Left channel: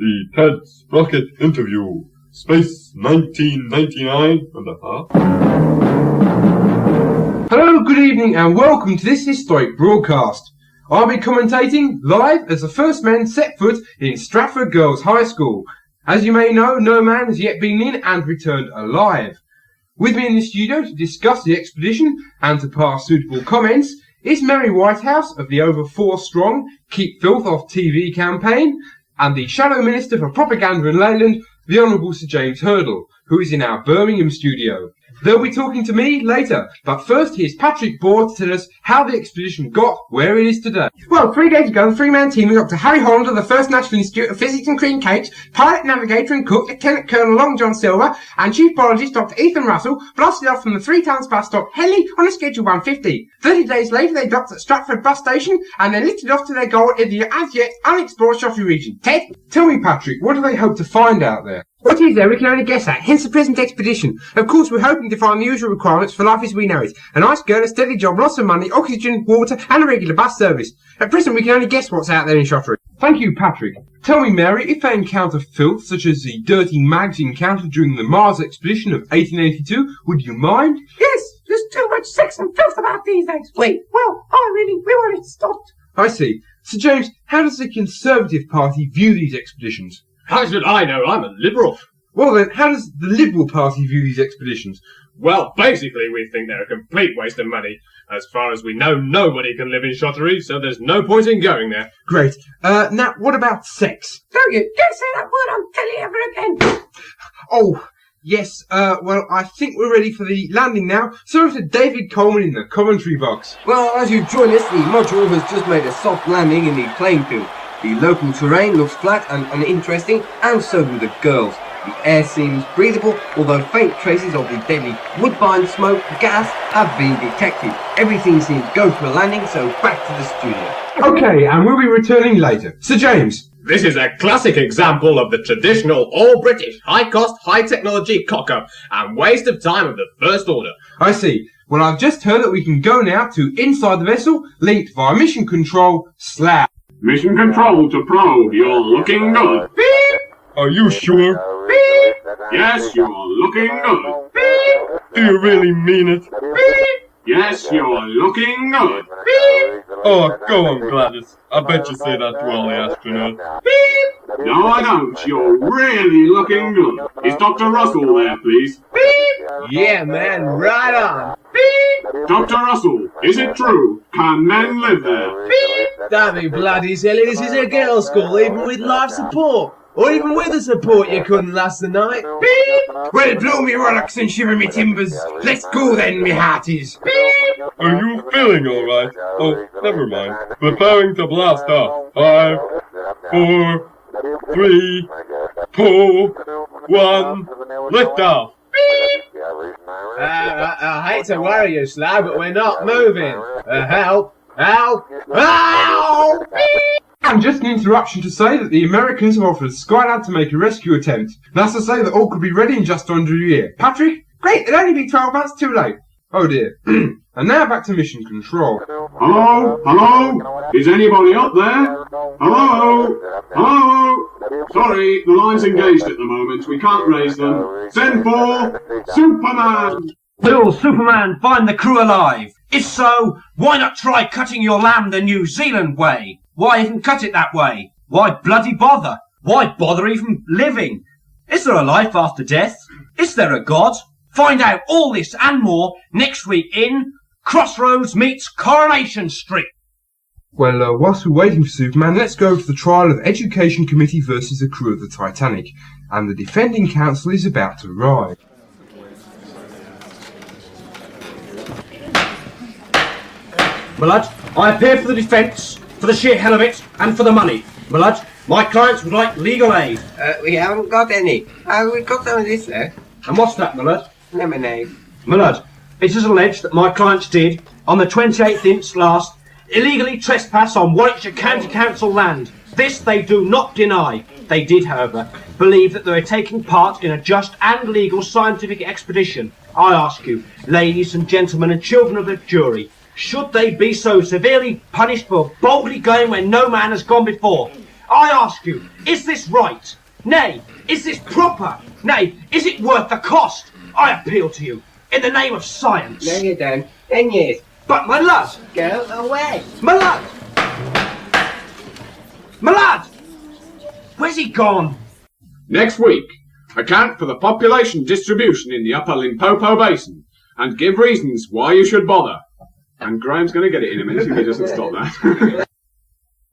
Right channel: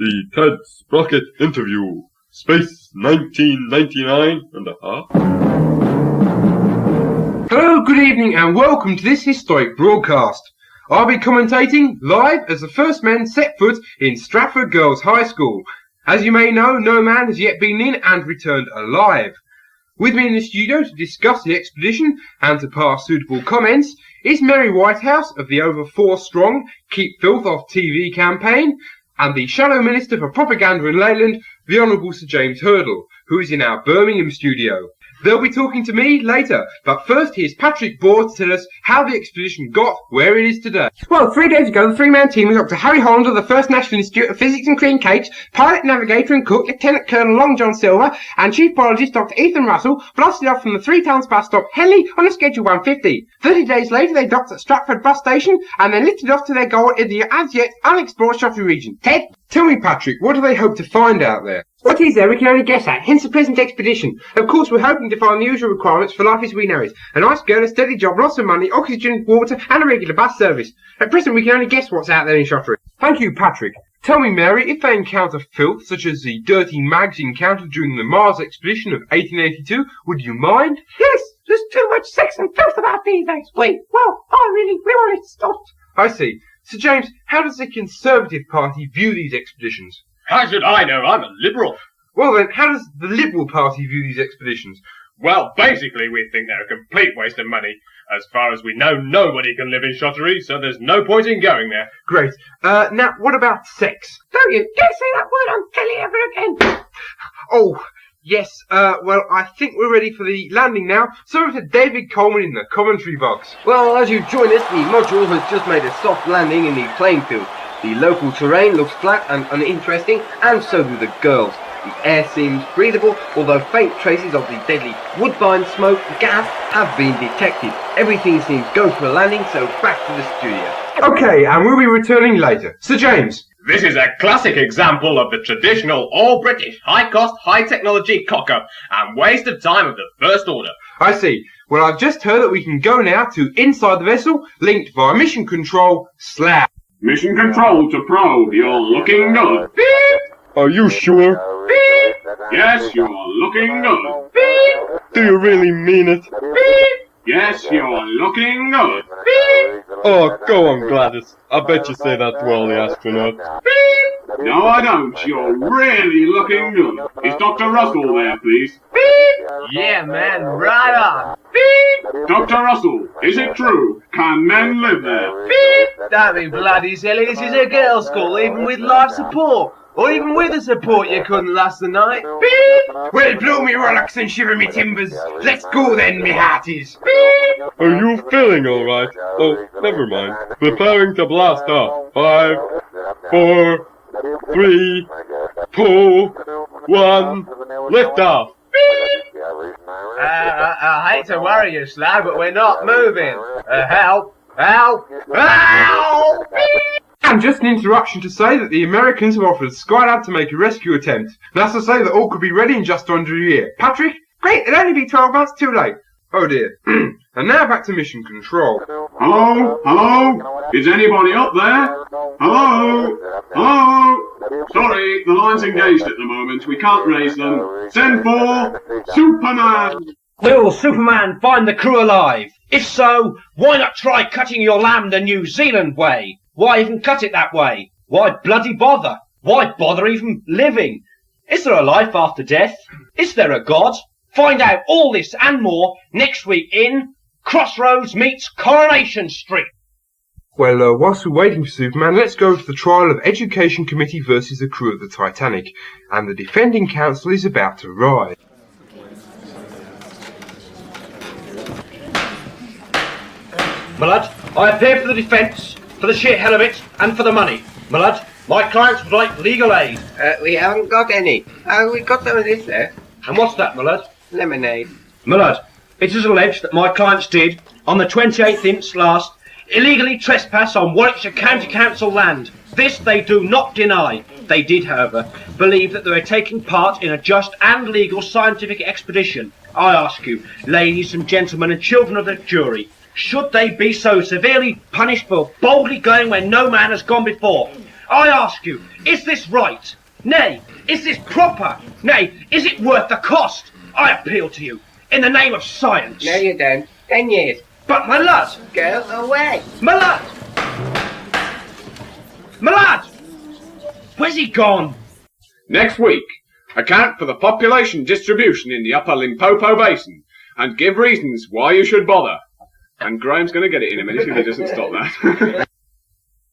The Ted Sprocket interview. Space 1999 and a half. Hello, good evening, and welcome to this historic broadcast. I'll be commentating live as the first men set foot in Stratford Girls' High School. As you may know, no man has yet been in and returned alive. With me in the studio to discuss the expedition and to pass suitable comments is Mary Whitehouse of the over 4 strong Keep Filth Off TV campaign and the Shadow Minister for Propaganda in Leyland, the Honourable Sir James Hurdle, who is in our Birmingham studio. They'll be talking to me later, but first here's Patrick Board to tell us how the expedition got where it is today. Well, 3 days ago, the 3-man team of Dr. Harry Holland of the First National Institute of Physics and Cream Cakes, pilot, navigator and cook, Lieutenant Colonel Long John Silver, and Chief Biologist Dr. Ethan Russell blasted off from the 3 towns bus stop Henley on a schedule 150. 30 days later, they docked at Stratford bus station and then lifted off to their goal in the as yet unexplored Shottery region. Ted? Tell me, Patrick, what do they hope to find out there? What is there we can only guess at, hence the present expedition. Of course, we're hoping to find the usual requirements for life as we know it. A nice girl, a steady job, lots of money, oxygen, water, and a regular bus service. At present, we can only guess what's out there in Shottery. Thank you, Patrick. Tell me, Mary, if they encounter filth such as the dirty mags encountered during the Mars expedition of 1882, would you mind? Yes, there's too much sex and filth about these days. We want it stopped. I see. Sir James, how does the Conservative Party view these expeditions? How should I know? I'm a Liberal. Well then, how does the Liberal Party view these expeditions? Well, basically we think they're a complete waste of money. As far as we know, nobody can live in Shottery, so there's no point in going there. Great. Now, what about sex? Don't you dare say that word on telly ever again. Oh, yes, well, I think we're ready for the landing now. So over to David Coleman in the commentary box. Well, as you join us, the module has just made a soft landing in the playing field. The local terrain looks flat and uninteresting, and so do the girls. The air seems breathable, although faint traces of the deadly woodbine smoke gas have been detected. Everything seems go for a landing, so back to the studio. Okay, and we'll be returning later. Sir James. This is a classic example of the traditional all-British, high-cost, high-technology cock-up and waste of time of the First Order. I see. Well, I've just heard that we can go now to inside the vessel, linked via mission control, /. Mission control to probe. You're looking good. Beep. Are you sure? Beep. Yes, you're looking good. Beep. Do you really mean it? Beep. Yes, you're looking good. Beep. Oh, go on, Gladys. I bet you say that to all the astronauts. Beep. No, I don't. You're really looking good. Is Dr. Russell there, please? Beep. Yeah, man, right on. Beep. Dr. Russell, is it true? Can men live there? Beep. Don't be bloody silly, this is a girls' school, even with life support. Or even with the support, you couldn't last the night. Beep. Well, blow me rollocks and shiver me timbers. Let's go then, me hearties. Beep. Are you feeling all right? Oh, never mind. Preparing to blast off. 5, 4, 3, 2, 1, lift off. I hate to worry you, Slag, but we're not moving. Help! Help! Help! And just an interruption to say that the Americans have offered Skylab to make a rescue attempt. That's to say that all could be ready in just under a year. Patrick? Great, it'll only be 12 months too late. Oh dear. And now back to mission control. Hello? Hello? Is anybody up there? Hello? Hello? Sorry, the line's engaged at the moment. We can't raise them. Send for Superman! Will Superman find the crew alive? If so, why not try cutting your lamb the New Zealand way? Why even cut it that way? Why bloody bother? Why bother even living? Is there a life after death? Is there a God? Find out all this and more next week in Crossroads meets Coronation Street. Well, whilst we're waiting for Superman, let's go to the trial of Education Committee versus the crew of the Titanic. And the defending counsel is about to arrive. My lad, I appear for the defence, for the sheer hell of it, and for the money. My lad, my clients would like legal aid. We haven't got any. We've got some of this there. And what's that, my lad? Lemonade. My lad, it is alleged that my clients did, on the 28th inst last, illegally trespass on Warwickshire County Council land. This they do not deny. They did, however, believe that they were taking part in a just and legal scientific expedition. I ask you, ladies and gentlemen and children of the jury, should they be so severely punished for boldly going where no man has gone before? I ask you, is this right? Nay, is this proper? Nay, is it worth the cost? I appeal to you, in the name of science. No, you don't. 10 years. But my lad! Go away. My lad! My lad! Where's he gone? Next week, account for the population distribution in the upper Limpopo Basin and give reasons why you should bother. And Graham's going to get it in a minute if he doesn't stop that.